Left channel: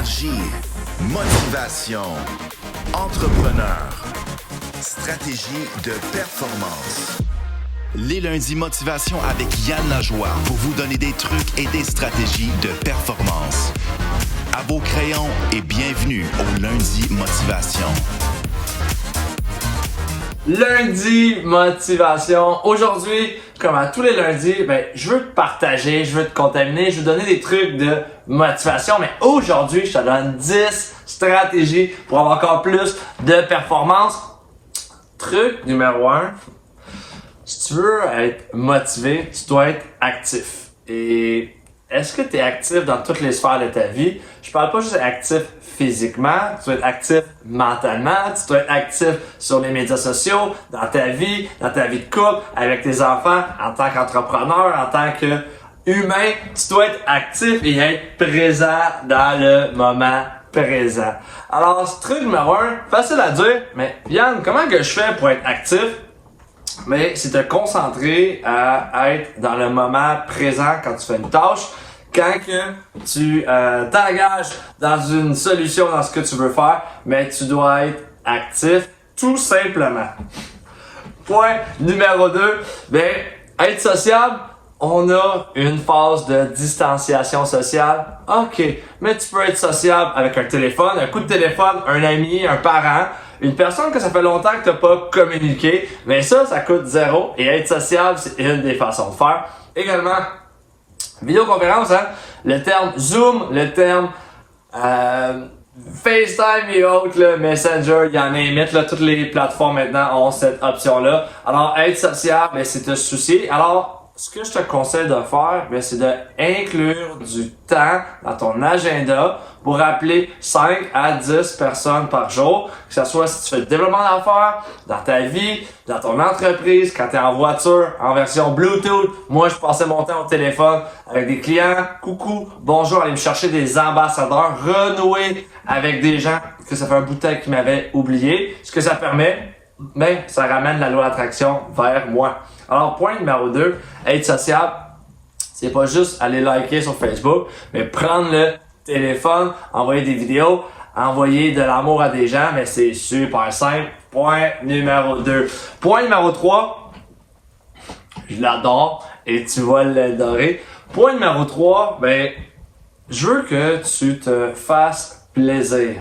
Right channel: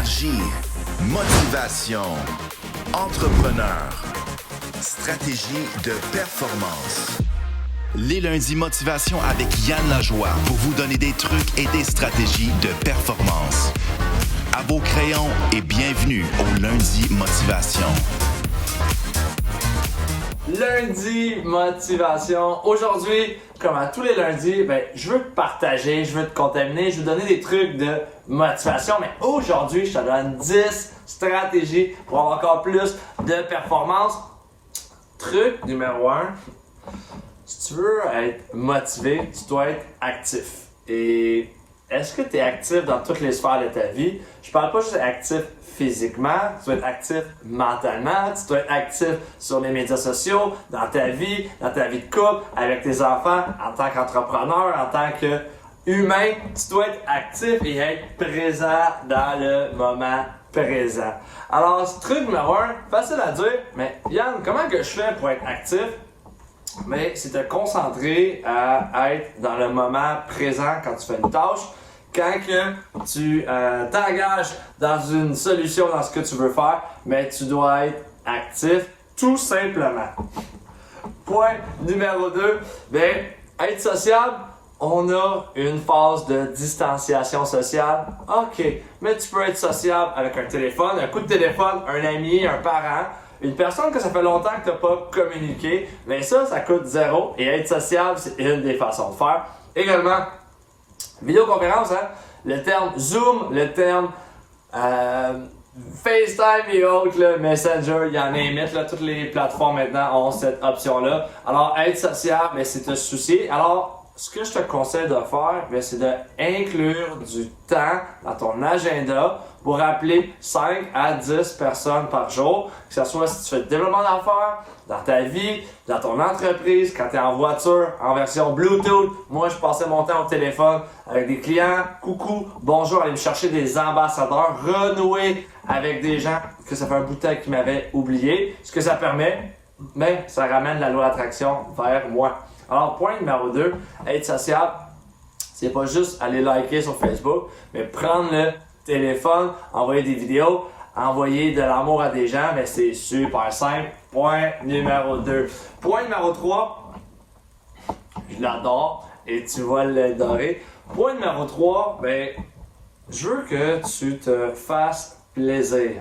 énergie, motivation, entrepreneur, stratégie de performance. Les lundis motivation avec Yann Lajoie pour vous donner des trucs et des stratégies de performance. À vos crayons et bienvenue au lundi motivation. Lundi motivation. Aujourd'hui, comme à tous les lundis, je veux te partager, je veux te contaminer, je veux te donner des trucs de motivation. Mais aujourd'hui, je te donne 10 stratégies pour avoir encore plus de performance. Truc numéro 1, si tu veux être motivé, tu dois être actif. Et est-ce que tu es actif dans toutes les sphères de ta vie? Je parle pas juste actif physiquement, tu dois être actif mentalement, tu dois être actif sur les médias sociaux, dans ta vie de couple, avec tes enfants, en tant qu'entrepreneur, en tant qu'humain, tu dois être actif et être présent dans le moment présent. Alors, ce truc numéro 1, facile à dire, mais Yann, comment que je fais pour être actif? Mais c'est te concentrer à être dans le moment présent quand tu fais une tâche. Quand que tu t'engages dans une solution, dans ce que tu veux faire, mais tu dois être actif tout simplement. Point numéro 2, être sociable. On a une phase de distanciation sociale. OK, mais tu peux être sociable avec un téléphone, un coup de téléphone, un ami, un parent, une personne que ça fait longtemps que tu n'as pas communiqué. Mais ça coûte 0 et être sociable, c'est une des façons de faire. Également, vidéoconférence, le terme Zoom, le terme FaceTime et autres, le Messenger, il y en a limite, toutes les plateformes maintenant ont cette option-là. Alors, être sociable, c'est te soucier. Alors, ce que je te conseille de faire, c'est d'inclure du temps dans ton agenda pour appeler 5 à 10 personnes par jour, que ce soit si tu fais le développement d'affaires, dans ta vie, dans ton entreprise, quand tu es en voiture, en version Bluetooth. Moi, je passais mon temps au téléphone avec des clients. Coucou, bonjour, aller me chercher des ambassadeurs, renouer avec des gens que ça fait un bout de temps qui m'avaient oublié. Ce que ça permet, ça ramène la loi d'attraction vers moi. Alors, point numéro 2, être sociable, c'est pas juste aller liker sur Facebook, mais prendre le téléphone, envoyer des vidéos, envoyer de l'amour à des gens, mais c'est super simple. Point numéro 2. Point numéro 3, je l'adore et tu vas l'adorer. Point numéro 3, je veux que tu te fasses plaisir.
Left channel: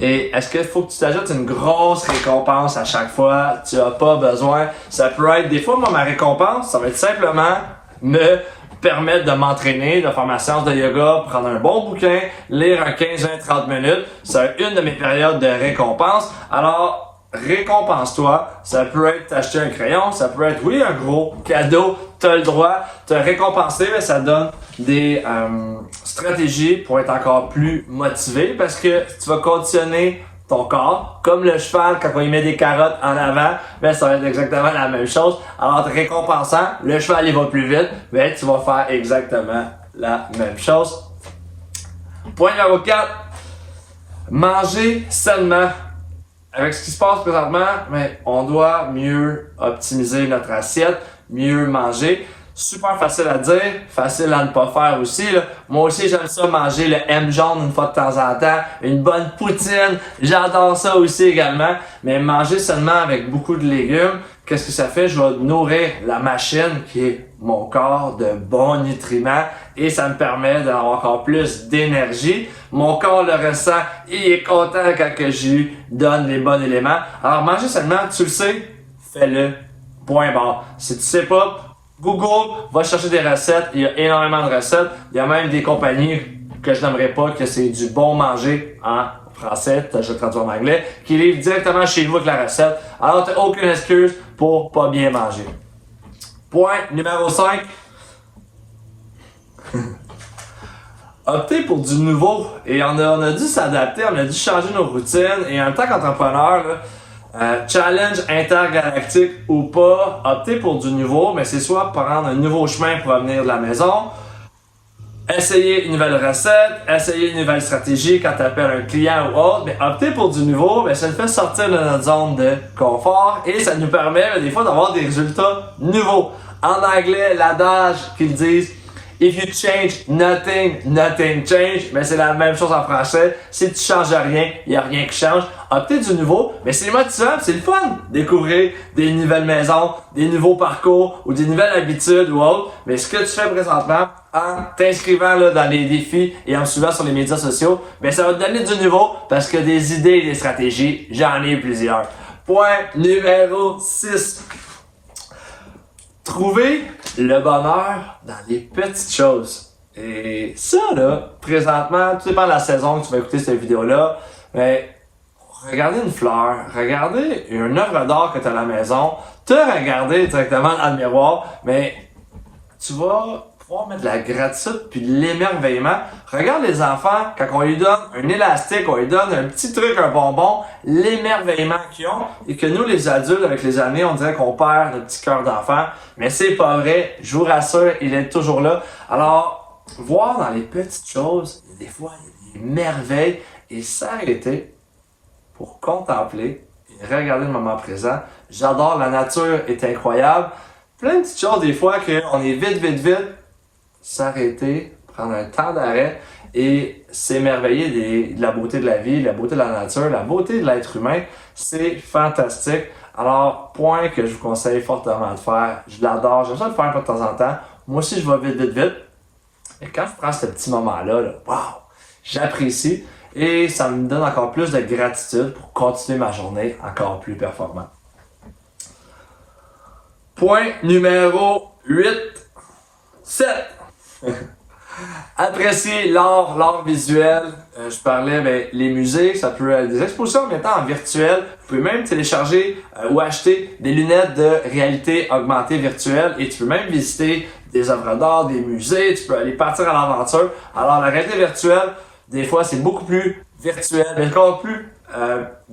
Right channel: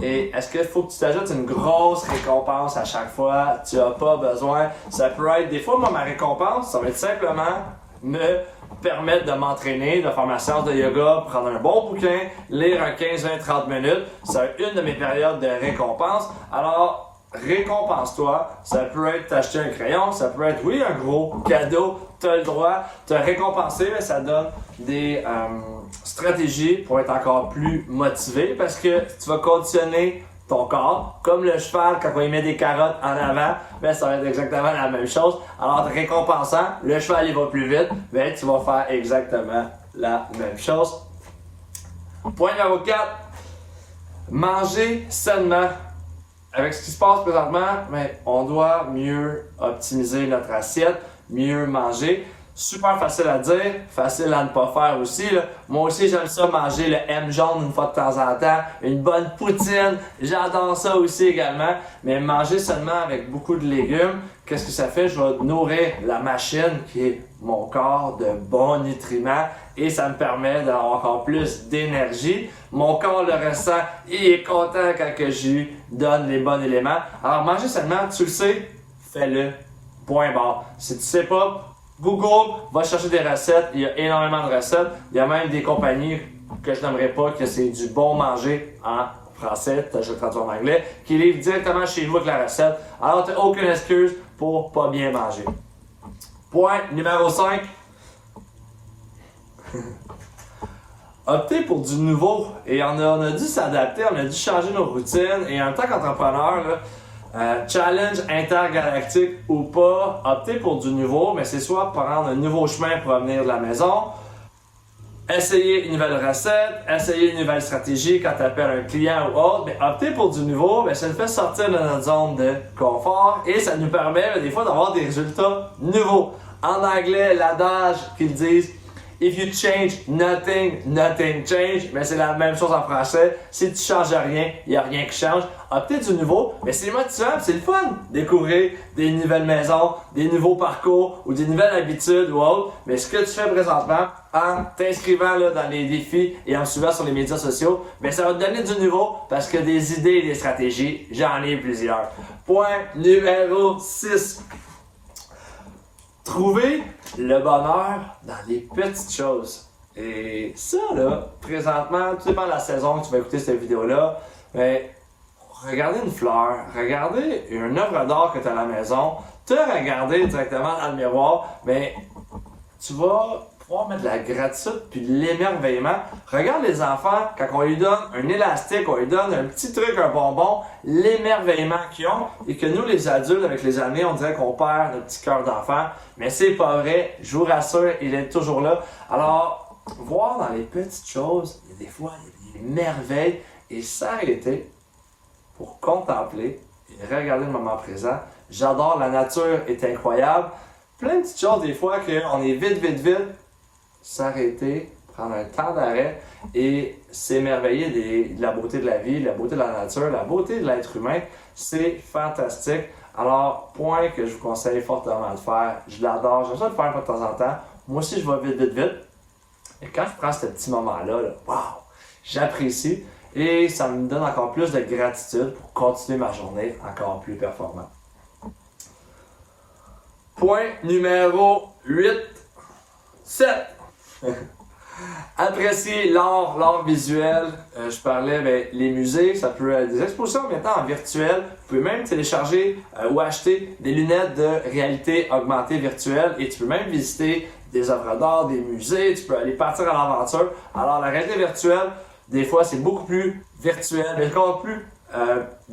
Et est-ce qu'il faut que tu t'ajoutes une grosse récompense à chaque fois? Tu n'as pas besoin. Ça peut être, des fois, moi, ma récompense, ça va être simplement me permettre de m'entraîner, de faire ma séance de yoga, prendre un bon bouquin, lire un 15, 20, 30 minutes. C'est une de mes périodes de récompense. Alors, récompense-toi. Ça peut être t'acheter un crayon, ça peut être, oui, un gros cadeau. Tu as le droit de te récompenser, mais ça donne des stratégies pour être encore plus motivé parce que tu vas conditionner ton corps, comme le cheval quand on lui met des carottes en avant, ça va être exactement la même chose. Alors, te récompensant, le cheval il va plus vite, tu vas faire exactement la même chose. Point numéro 4, manger sainement. Avec ce qui se passe présentement, on doit mieux optimiser notre assiette, mieux manger. Super facile à dire, facile à ne pas faire aussi. Moi aussi, j'aime ça manger le M jaune une fois de temps en temps. Une bonne poutine, j'adore ça aussi également. Mais manger seulement avec beaucoup de légumes, qu'est-ce que ça fait? Je vais nourrir la machine qui est mon corps de bons nutriments et ça me permet d'avoir encore plus d'énergie. Mon corps le ressent, il est content quand que je lui donne les bons éléments. Alors manger seulement, tu le sais, fais-le. Point barre. Si tu sais pas, Google va chercher des recettes, il y a énormément de recettes. Il y a même des compagnies que je n'aimerais pas que c'est du bon manger en français, je le traduis en anglais, qui livrent directement chez vous avec la recette. Alors tu n'as aucune excuse pour pas bien manger. Point numéro 5. Opter pour du nouveau. Et on a dû s'adapter, on a dû changer nos routines. Et en tant qu'entrepreneur, challenge intergalactique ou pas, opter pour du nouveau, mais c'est soit prendre un nouveau chemin pour revenir de la maison, essayer une nouvelle recette, essayer une nouvelle stratégie quand tu appelles un client ou autre, mais opter pour du nouveau, ça nous fait sortir de notre zone de confort et ça nous permet des fois d'avoir des résultats nouveaux. En anglais, l'adage qu'ils disent, If you change nothing, nothing change. Mais c'est la même chose en français. Si tu changes rien, il n'y a rien qui change. Opter du nouveau, mais c'est motivant, c'est le fun. Découvrir des nouvelles maisons, des nouveaux parcours ou des nouvelles habitudes ou autres. Mais ce que tu fais présentement, en t'inscrivant là, dans les défis et en me suivant sur les médias sociaux, ben ça va te donner du nouveau parce que des idées et des stratégies, j'en ai plusieurs. Point numéro 6. Trouver le bonheur dans les petites choses. Et ça, là, présentement, tout dépend de la saison que tu vas écouter cette vidéo-là, mais regarder une fleur, regarder une œuvre d'art que tu as à la maison, te regarder directement dans le miroir, mais tu vas pouvoir mettre de la gratitude puis de l'émerveillement. Regarde les enfants, quand on lui donne un élastique, on lui donne un petit truc, un bonbon, l'émerveillement qu'ils ont, et que nous, les adultes, avec les années, on dirait qu'on perd notre petit cœur d'enfant. Mais c'est pas vrai, je vous rassure, il est toujours là. Alors, voir dans les petites choses, des fois, il y a des merveilles, et s'arrêter pour contempler et regarder le moment présent. J'adore, la nature est incroyable. Plein de petites choses, des fois, qu'on est vite, s'arrêter, prendre un temps d'arrêt et s'émerveiller de la beauté de la vie, la beauté de la nature, la beauté de l'être humain. C'est fantastique. Alors, point que je vous conseille fortement de faire. Je l'adore, j'aime ça le faire de temps en temps. Moi aussi, je vais vite. Et quand je prends ce petit moment-là, wow, j'apprécie et ça me donne encore plus de gratitude pour continuer ma journée encore plus performante. Point numéro 8. 7. Apprécier l'art visuel. Je parlais, les musées, ça peut être des expositions en même temps en virtuel. Vous pouvez même télécharger ou acheter des lunettes de réalité augmentée virtuelle et tu peux même visiter des œuvres d'art, des musées, tu peux aller partir à l'aventure. Alors la réalité virtuelle, des fois c'est beaucoup plus virtuel, mais encore plus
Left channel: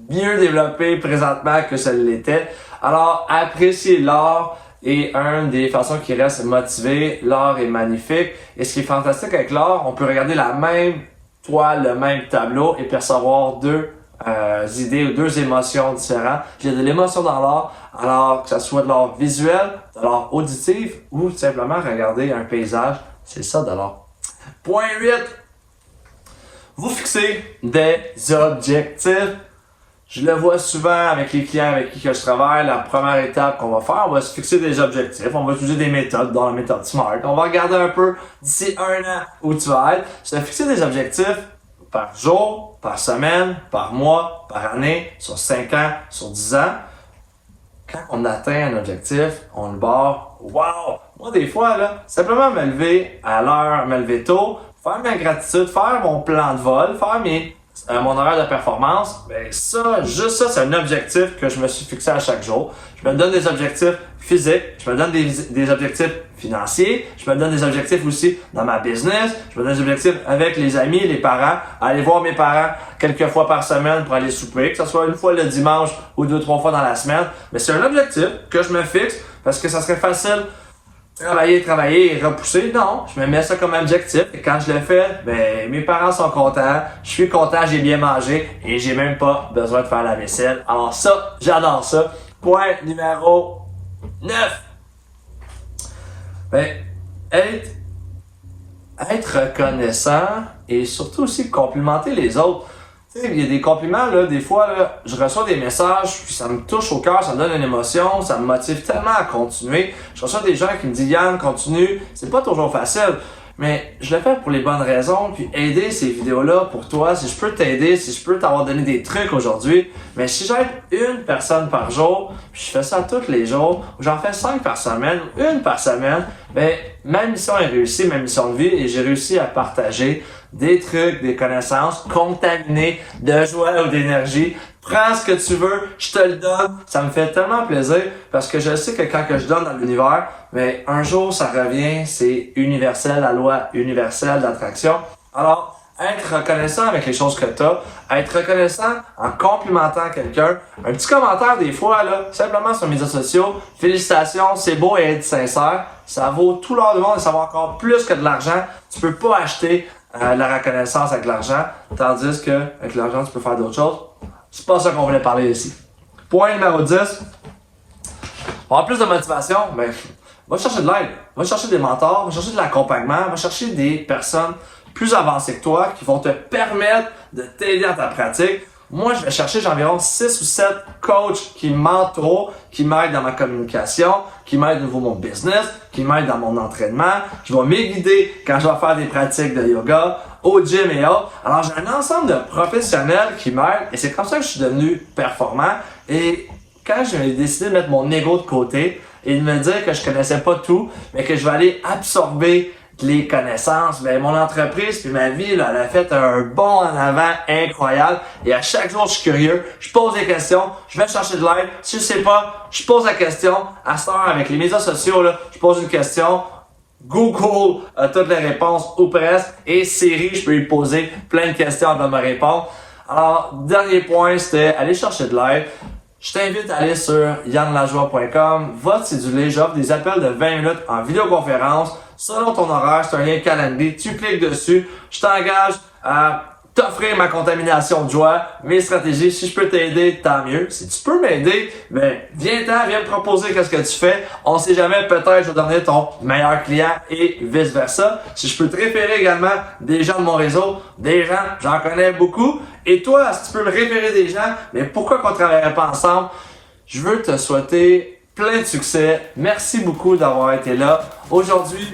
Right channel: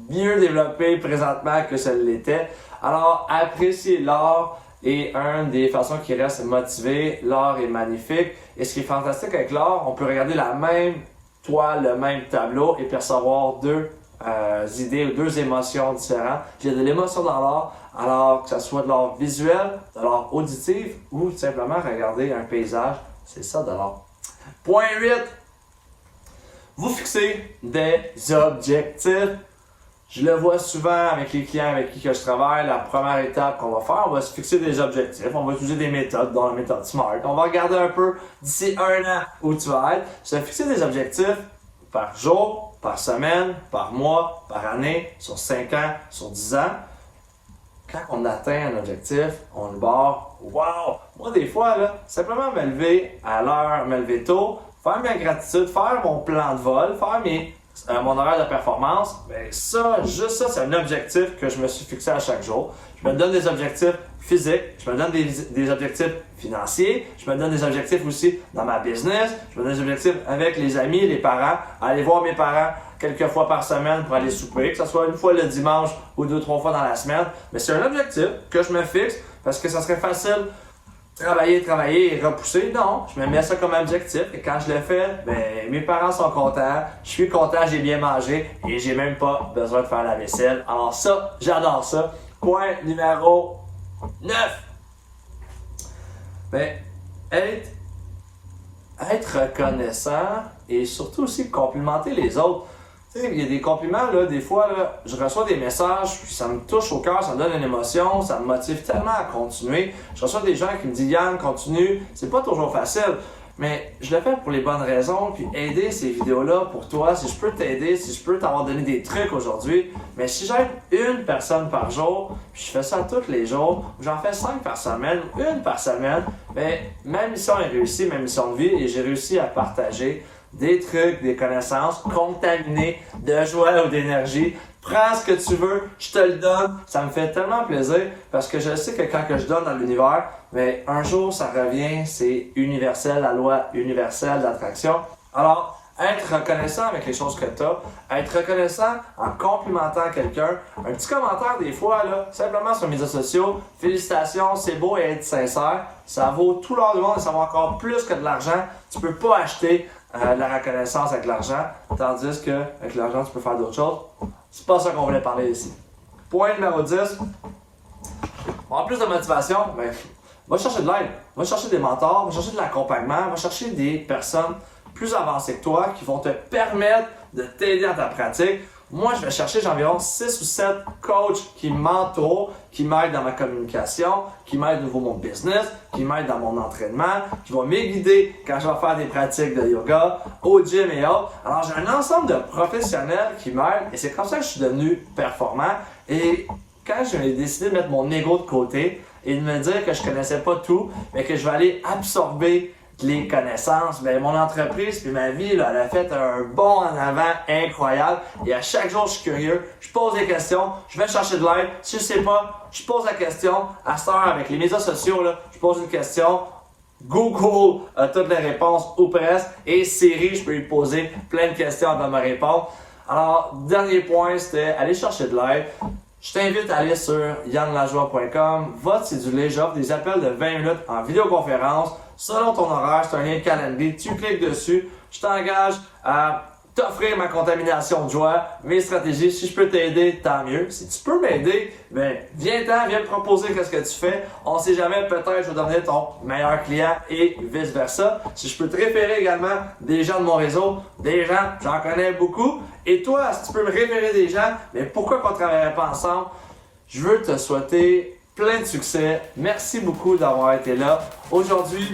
mieux développé présentement que ça l'était. Alors apprécier l'art. Et une des façons qui reste motivée, l'art est magnifique. Et ce qui est fantastique avec l'art, on peut regarder la même toile, le même tableau et percevoir deux idées ou deux émotions différentes. Il y a de l'émotion dans l'art, alors que ce soit de l'art visuel, de l'art auditif ou simplement regarder un paysage. C'est ça de l'art. Point 8. Vous fixez des objectifs. Je le vois souvent avec les clients avec qui je travaille. La première étape qu'on va faire, on va se fixer des objectifs. On va utiliser des méthodes, dans la méthode SMART. On va regarder un peu d'ici 1 an où tu vas être. Se fixer des objectifs par jour, par semaine, par mois, par année, sur 5 ans, sur 10 ans. Quand on atteint un objectif, on le barre. Wow! Moi, des fois, là, simplement me lever à l'heure, me lever tôt, faire ma gratitude, faire mon plan de vol, faire mon horaire de performance, juste ça, c'est un objectif que je me suis fixé à chaque jour. Je me donne des objectifs physiques, je me donne des objectifs financiers, je me donne des objectifs aussi dans ma business, je me donne des objectifs avec les amis, les parents, aller voir mes parents quelques fois par semaine pour aller souper, que ce soit une fois le dimanche ou 2-3 fois dans la semaine. Mais c'est un objectif que je me fixe parce que ça serait facile travailler et repousser. Non, je me mets ça comme objectif et quand je le fais, mes parents sont contents, je suis content, j'ai bien mangé et j'ai même pas besoin de faire la vaisselle. Alors ça, j'adore ça. Point numéro 9. Être reconnaissant et surtout aussi complimenter les autres. Tu sais, il y a des compliments, là, des fois, là, je reçois des messages, puis ça me touche au cœur, ça me donne une émotion, ça me motive tellement à continuer. Je reçois des gens qui me disent « Yann, continue », c'est pas toujours facile, mais je le fais pour les bonnes raisons, puis aider ces vidéos-là pour toi, si je peux t'aider, si je peux t'avoir donné des trucs aujourd'hui, mais si j'aide une personne par jour, puis je fais ça tous les jours, ou j'en fais 5 par semaine, une par semaine, ma mission est réussie, ma mission de vie, et j'ai réussi à partager des trucs, des connaissances contaminées de joie ou d'énergie. Prends ce que tu veux, je te le donne. Ça me fait tellement plaisir parce que je sais que quand je donne dans l'univers, un jour ça revient, c'est universel, la loi universelle d'attraction. Alors, être reconnaissant avec les choses que tu as, être reconnaissant en complimentant quelqu'un, un petit commentaire des fois, là, simplement sur les médias sociaux, félicitations, c'est beau et être sincère, ça vaut tout l'or du monde et ça vaut encore plus que de l'argent. Tu peux pas acheter la reconnaissance avec l'argent, tandis que avec l'argent tu peux faire d'autres choses. C'est pas ça qu'on voulait parler ici. Point numéro 10. En plus de motivation, Va chercher de l'aide, va chercher des mentors, va chercher de l'accompagnement, va chercher des personnes plus avancées que toi qui vont te permettre de t'aider à ta pratique. Moi, je vais chercher, j'ai environ 6 ou 7 coachs qui m'entourent, qui m'aident dans ma communication, qui m'aident au niveau de mon business, qui m'aident dans mon entraînement, qui vont m'aiguider quand je vais faire des pratiques de yoga, au gym et autres. Alors, j'ai un ensemble de professionnels qui m'aident et c'est comme ça que je suis devenu performant. Et quand j'ai décidé de mettre mon ego de côté et de me dire que je connaissais pas tout, mais que je vais aller absorber les connaissances, ben mon entreprise puis ma vie, là, elle a fait un bond en avant incroyable. Et à chaque jour, je suis curieux, je pose des questions, je vais chercher de l'aide. Si je sais pas, je pose la question. À cette heure, avec les médias sociaux, là, je pose une question. Google a toutes les réponses ou presque. Et Siri, je peux lui poser plein de questions avant de me répondre. Alors, dernier point, c'était aller chercher de l'aide. Je t'invite à aller sur yannlajoie.com, va te céduler, j'offre des appels de 20 minutes en vidéoconférence. Selon ton horaire, c'est un lien calendrier, tu cliques dessus, je t'engage à t'offrir ma contamination de joie, mes stratégies. Si je peux t'aider, tant mieux. Si tu peux m'aider, ben viens-t'en, viens me proposer qu'est-ce que tu fais. On sait jamais, peut-être je vais devenir ton meilleur client et vice-versa. Si je peux te référer également des gens de mon réseau, des gens, j'en connais beaucoup. Et toi, si tu peux me référer des gens, mais pourquoi qu'on ne travaillerait pas ensemble? Je veux te souhaiter plein de succès. Merci beaucoup d'avoir été là. Aujourd'hui,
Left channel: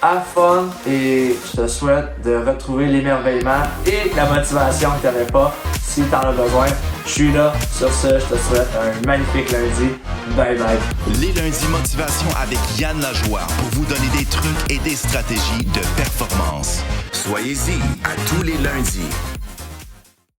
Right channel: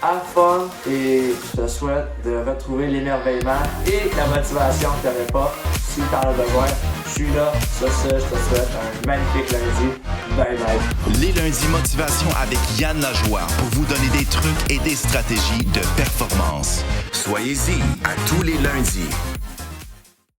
have fun et je te souhaite de retrouver l'émerveillement et la motivation que tu n'avais pas. Si tu en as besoin, je suis là. Sur ce, je te souhaite un magnifique lundi. Bye bye. Les lundis motivation avec Yann Lajoie pour vous donner des trucs et des stratégies de performance. Soyez-y à tous les lundis.